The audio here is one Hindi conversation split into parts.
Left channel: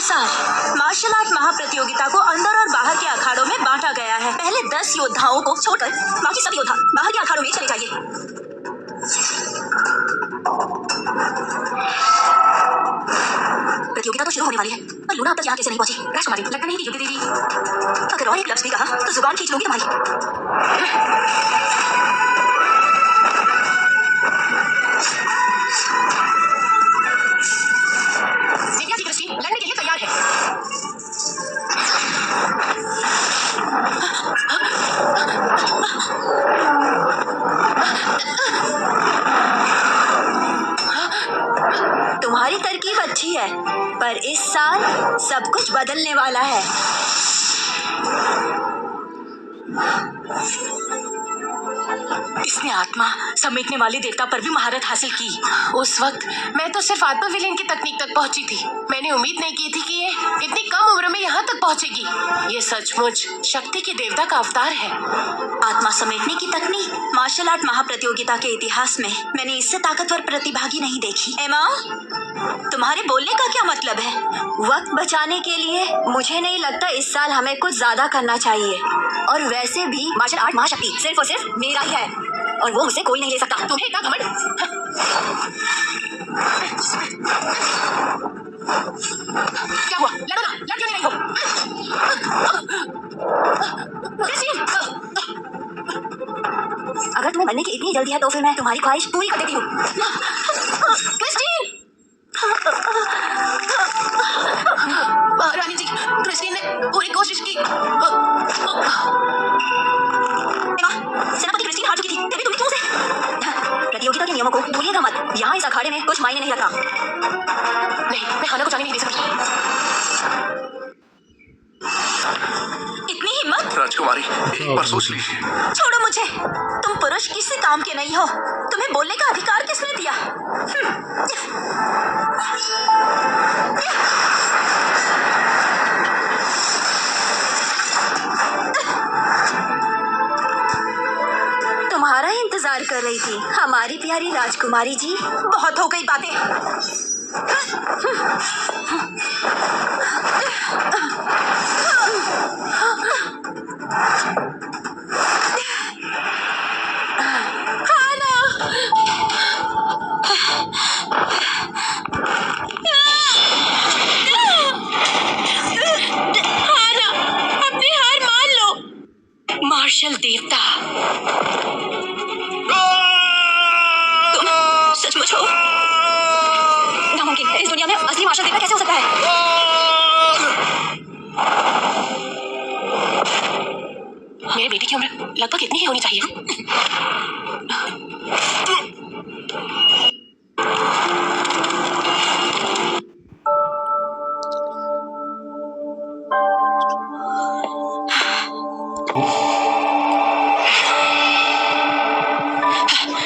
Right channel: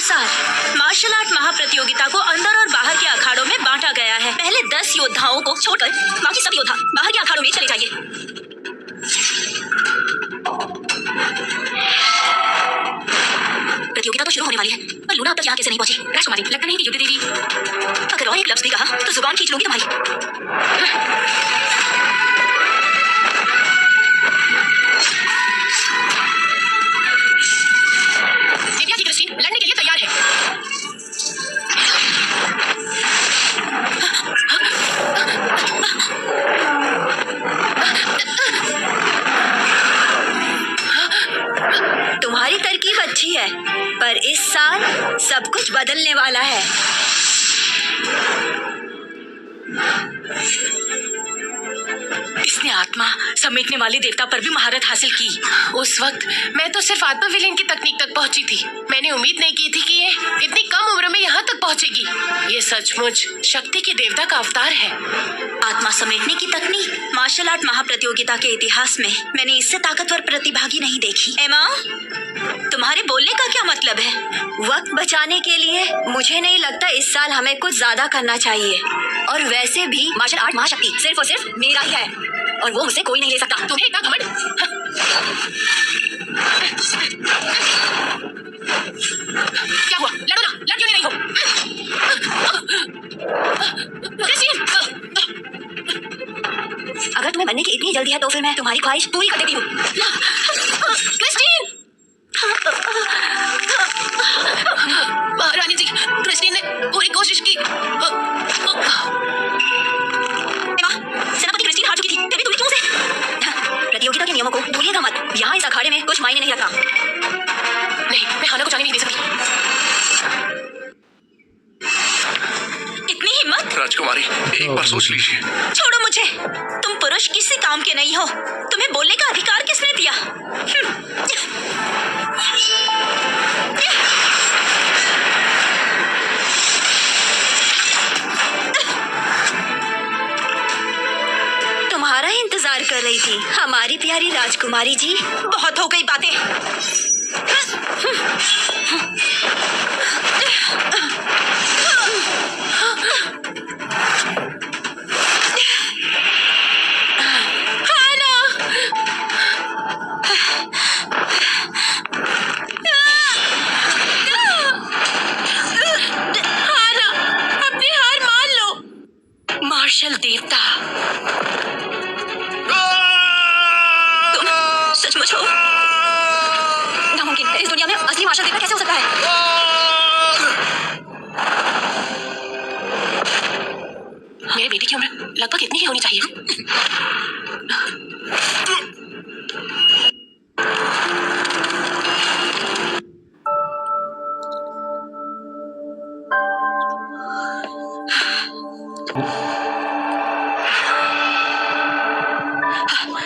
अनुसार मार्शल आर्ट महाप्रतियोगिता को अंदर और बाहर के अखाड़ों में बांटा गया है। पहले 10 योद्धाओं को छोड़कर बाकी सब योद्धा बाहर के अखाड़ों में चले जाइए। प्रतियोगिता तो शुरू होने वाली है, पर लूना अब तक यहाँ कैसे नहीं पहुंची? राजकुमारी, लगता नहीं कि युद्ध देवी अगर और एक लफ्ज़ भी कहा तो जुबान खींच लूंगी तुम्हारी। लड़ने के लिए तैयार है। तुम्हारी तरकीब अच्छी है, पर इस साल सब कुछ बदलने वाला है। इसने आत्मा समेटने वाले देवता पर भी महारत हासिल की। उस वक्त मैं तो सिर्फ आत्मा विलीन की तकनीक तक पहुंची थी। मैंने उम्मीद नहीं की थी कि ये इतनी कम उम्र में यहाँ तक पहुंचेगी। ये सचमुच शक्ति के देवता का अवतार है। आत्मा समेटने की तकनीक मार्शल आर्ट महाप्रतियोगिता के इतिहास में मैंने इससे ताकतवर प्रतिभागी नहीं देखी। एमा, तुम्हारे बोलने का क्या मतलब है? वक्त बचाने के लिए मुझे नहीं लगता इस साल हमें कुछ ज्यादा करना चाहिए। और वैसे भी मार्शल आर्ट महाशक्ति सिर्फ और सिर्फ मेरा ही है, और वो मुझसे कोई नहीं ले सकता। तुम्हें इतना घमंड? क्या हुआ? लड़ो ना, लड़ क्यों नहीं रही हो? क्रिस्टीन! अगर तुम्हें मरने की इतनी जल्दी है तो फिर मैं तुम्हारी ख्वाहिश पूरी कर देती हूँ। क्रिस्टीन! महारानी जी, क्रिस्टीन ने पूरी कोशिश की। सेनापति क्रिस्टीन हार चुकी थी, फिर भी तुमने क्यों उसे? प्रतियोगिता के नियमों को भूलिएगा मत। यहाँ इस अखाड़े में कुछ मायने नहीं रखता। नहीं, मैं हाना को जाने नहीं दे सकती। इतनी हिम्मत? राजकुमारी, एक बार सोच लीजिए। छोड़ो मुझे। तुम पुरुष किसी काम के नहीं हो। तुम्हें बोलने का अधिकार किसने दिया? तुम्हारा इंतजार कर रही थी हमारी प्यारी राजकुमारी जी। बहुत हो गई बातें। मार्शल देवता, तुम सचमुच हो? नामुमकिन है। इस दुनिया में असली मार्शल देवता कैसे हो सकता है? मेरे बेटे की उम्र लगभग इतनी ही होनी चाहिए।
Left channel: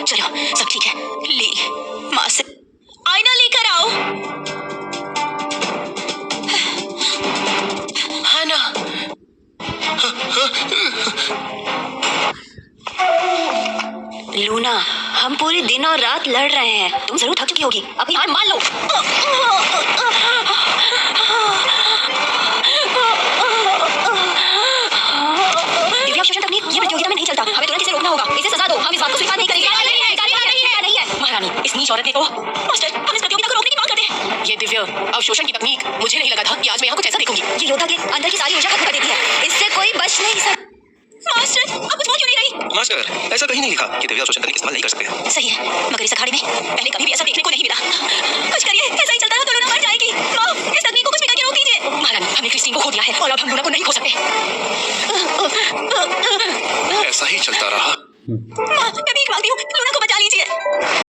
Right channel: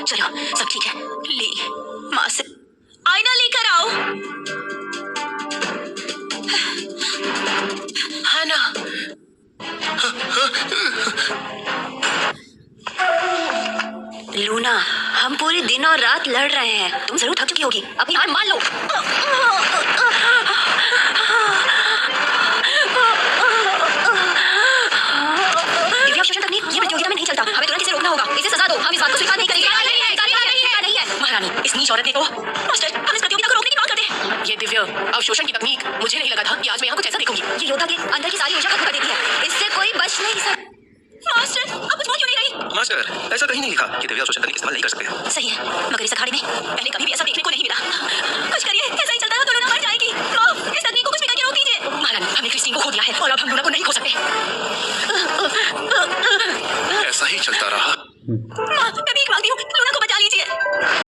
चलो, सब ठीक है। ले, माँ से आईना लेकर आओ। हाना, लूना, हम पूरे दिन और रात लड़ रहे हैं। तुम जरूर थक चुकी होगी। अपनी हार मान लो। दिव्या अवशोषण तकनीक ये प्रतियोगिता में नहीं चलता। हमें तुरंत इसे रोकना होगा। इसे सजा दो। हम इस बात को स्वीकार नहीं करेंगे। नहीं है। महारानी, इस नीच औरत ने तो मास्टर, हम इस प्रतियोगिता को रोकने की मांग करते हैं। ये दिव्य अवशोषण की तकनीक मुझे नहीं लगा था कि आज मैं यहाँ कुछ ऐसा देखूंगी। ये योद्धा के अंदर की सारी ऊर्जा खत्म कर देती है। इससे कोई बच नहीं सकता। मास्टर, आप कुछ बोल क्यों नहीं रही? मास्टर, ऐसा कहीं नहीं लिखा कि दिव्या अवशोषण तकनीक इस्तेमाल नहीं कर सकते। सही है, मगर इस अखाड़े में पहले कभी भी ऐसा देखने को नहीं मिला। कुछ करिए, ऐसा ही चलता रहा तो लूना मर जाएगी। माँ, इस तकनीक को कुछ भी करके रोक दीजिए। महारानी, हमने क्रिस्टीन को खो दिया है और अब हम लूना को नहीं खो सकते। ऐसा ही चलता रहा। माँ, मैं भीख मांगती हूँ, लूना को बचा लीजिए।